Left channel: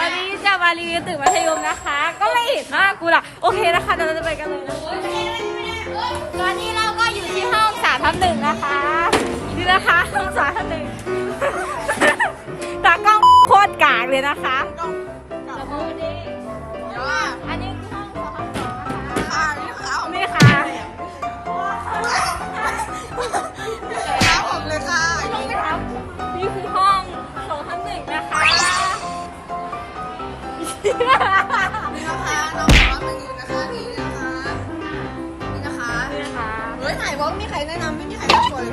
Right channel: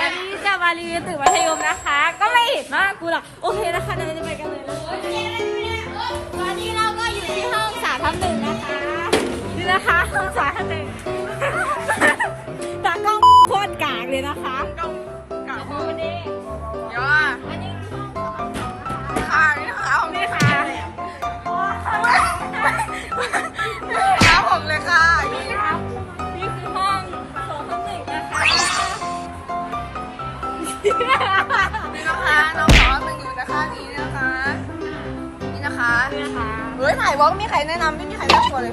มารีวิวตึกมัธยมนะคะ ก็ไม่เห็นหน้ากูล่ะ โอเคนะคะเดี๋ยวเราจะไปกันเลยนะตอนนี้เราก็อยู่ที่ห้องสามทับหนึ่งนะคะ นี่นะคะห้องสามทับหนึ่งตากล้องโคตรกากเลยนะคะ เดี๋ยวอะอันนี้ห้องสองทับสองนะคะค่ะนี่ค่ะผมนี่ค่ะครับผมเลยค่ะ นี่นะคะน้องสาวมันอยู่นะคะนี่นะคะ นี่นะคะนี่ค่ะเฮ้ยถ่ายวอล์กมีใครแนะนำไม่มีใครแนะนำเลย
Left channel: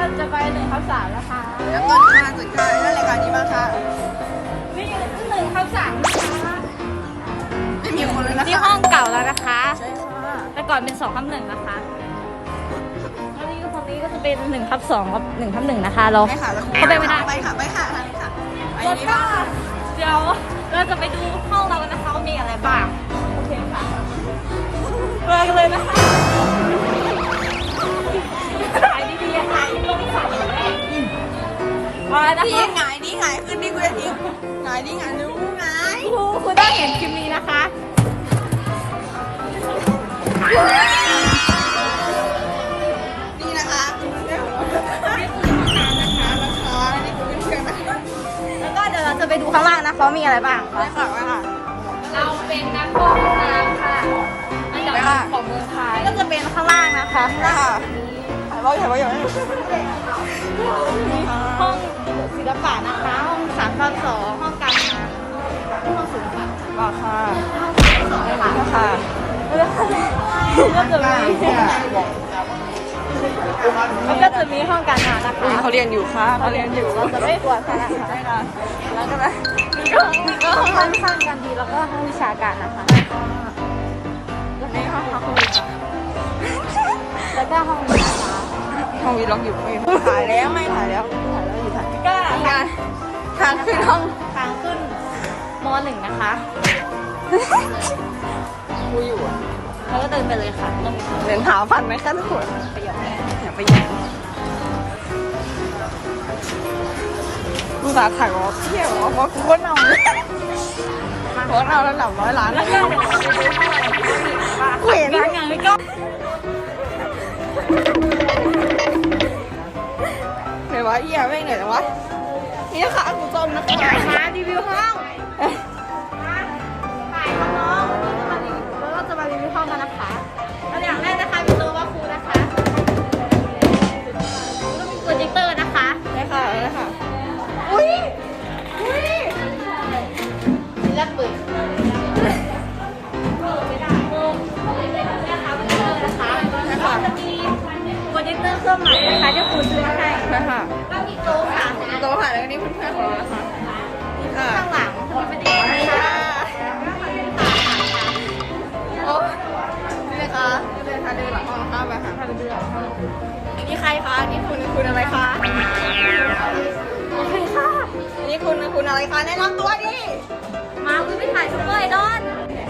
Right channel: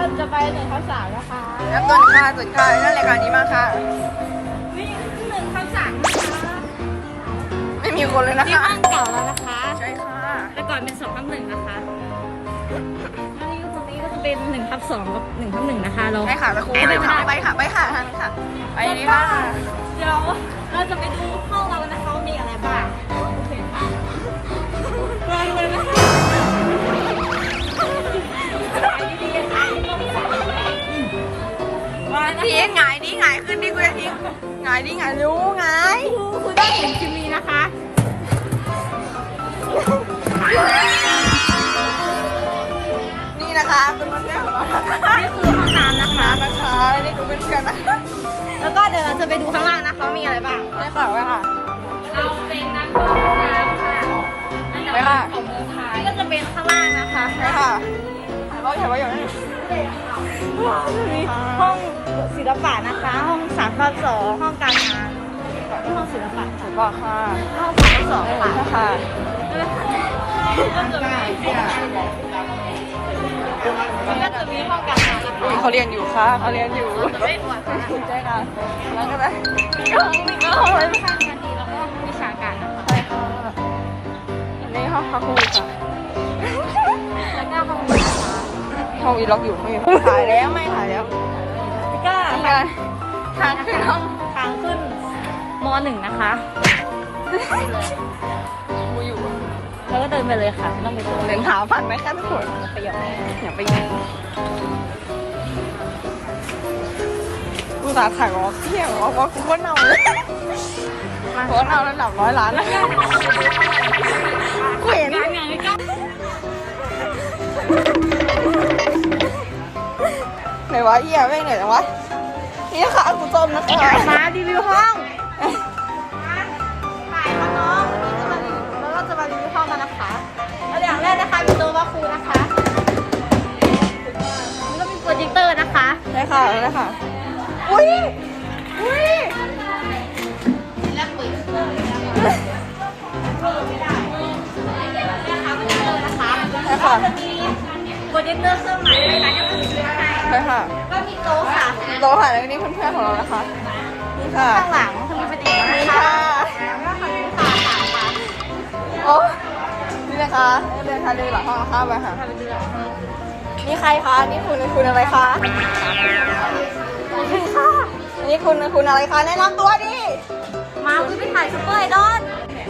เราจะไปหนึ่งทับสามนะคะแล้วต้นค่ะต้นค่ะแล้วรายการนี้บ้างค่ะนี่หนึ่งทับสามนะคะไม่มีคนเลยนะนี่คะห้องเก่าแล้วนะคะใช่ค่ะแต่ก่อนเป็นสองทับหนึ่งนะคะแล้วนี่ตรงนี้ก็จะเป็นหนึ่งทับสองกับหนึ่งทับหนึ่งนะคะเราไปค่ะตะครูไปไม่ได้ไปค่ะไปค่ะทางนี้ค่ะไปนี่ค่ะเดี๋ยวเราจะไปดูห้องเรากันนะคะว่ามีอะไรบ้างโอเคค่ะไปกันเลยนะคะถ่ายดีๆถ่ายลงสายมานะพี่คะ หงายดิหงายขึ้นดิกูจะดิหงายดิหงายรู้หงาย ครูคุณต้องเห็นคลิปนี้นะคะ จะไปดูข้างล่างนะคะว่ามีอะไรบ้างไปค่ะไปค่ะเราเป็นนักโทษนะคะไปค่ะของเมืองไทยก็จะเป็นข้างล่างนะคะไปค่ะถ่ายไว้ถ่ายไว้อย่าให้หนูมีห้องศิลปะนะคะห้องสามข้อสองห้องการงานห้องศิลปะถือว่าค่ะสองได้หมค่ะดค่ะแล้วก็จะมี แล้วก็จะมีห้องการงานนะคะอุ้ยเขาเรียนอยู่ค่ะเขาเรียนอยู่เราจะไม่บวกค่ะใช่ค่ะแล้วก็ได้นี่ก็นี่ก็ห้องห้นี้องการดีแล้วก็ห้องวิชาการนะคะใช่ค่ะอันนี้ห้องพักครูค่ะแล้วก็ห้องวิชาการห้องวีล็อกอยู่ไม่มีถ่ายแล้วไม่ถ่ายแล้วก็นี่ไงทางขึ้นห้องทางขึ้นมหนึ่งนะคะครูอยู่อะ แล้วก็เดินไปเลยค่ะต้องไปดูเดินเท้าฟันไหมคะทุกคนประโยชน์เลยอย่าไปแย่งกูสาถ่ายวอล์กเที่ยววอล์กว่ากูก็เน่าเลยโคตรเน่าแล้วหลับร้อยล้านแล้วกูเห็นมีงานแล้วก็ไหนวะเหี้ยแม่งไหนจังวะนี่นะคะกูจมนะคะมารีวิวห้อง มารีวิวห้องกันนะคะแล้วอย่างแรกนะคะมีโต๊ะวาครูนะคะแล้วก็มีโปรเจคเตอร์นะคะได้ค่ะได้ค่ะอุ้ยอุ้ยแล้วเปิดเครื่องนะคะเปิดไม่ได้นี่นะคะโปรเจคเตอร์นะคะได้แล้วค่ะก็จะมีโปรเจคเตอร์เครื่องใหม่นะคะที่คุณซื้อให้ได้ค่ะก็มีโต๊ะค่ะโต๊ะค่ะแล้วก็นี่เพื่อนๆของเรานะคะนี่ค่ะข้างหลัง คะเดินทางเดินหลังห้องนะคะไปหาทางเดินหลังห้องนี่ใครคะนี่คุณคุณอะไรคะโอเคค่ะนี่คุณคุณอะไรคะแนะนำตัวดิมาคุณไปถ่ายซุปเปอร์ไอดอล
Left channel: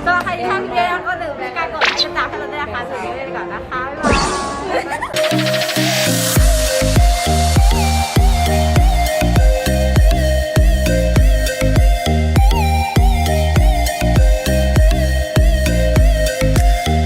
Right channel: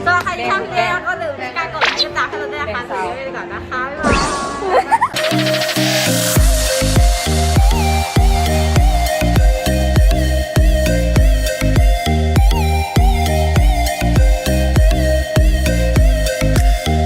สำหรับใครที่ทำเดียวก็อย่าลืมการกดไลค์กดติดตามให้เราด้วยนะคะสวัสดีไปก่อนนะคะ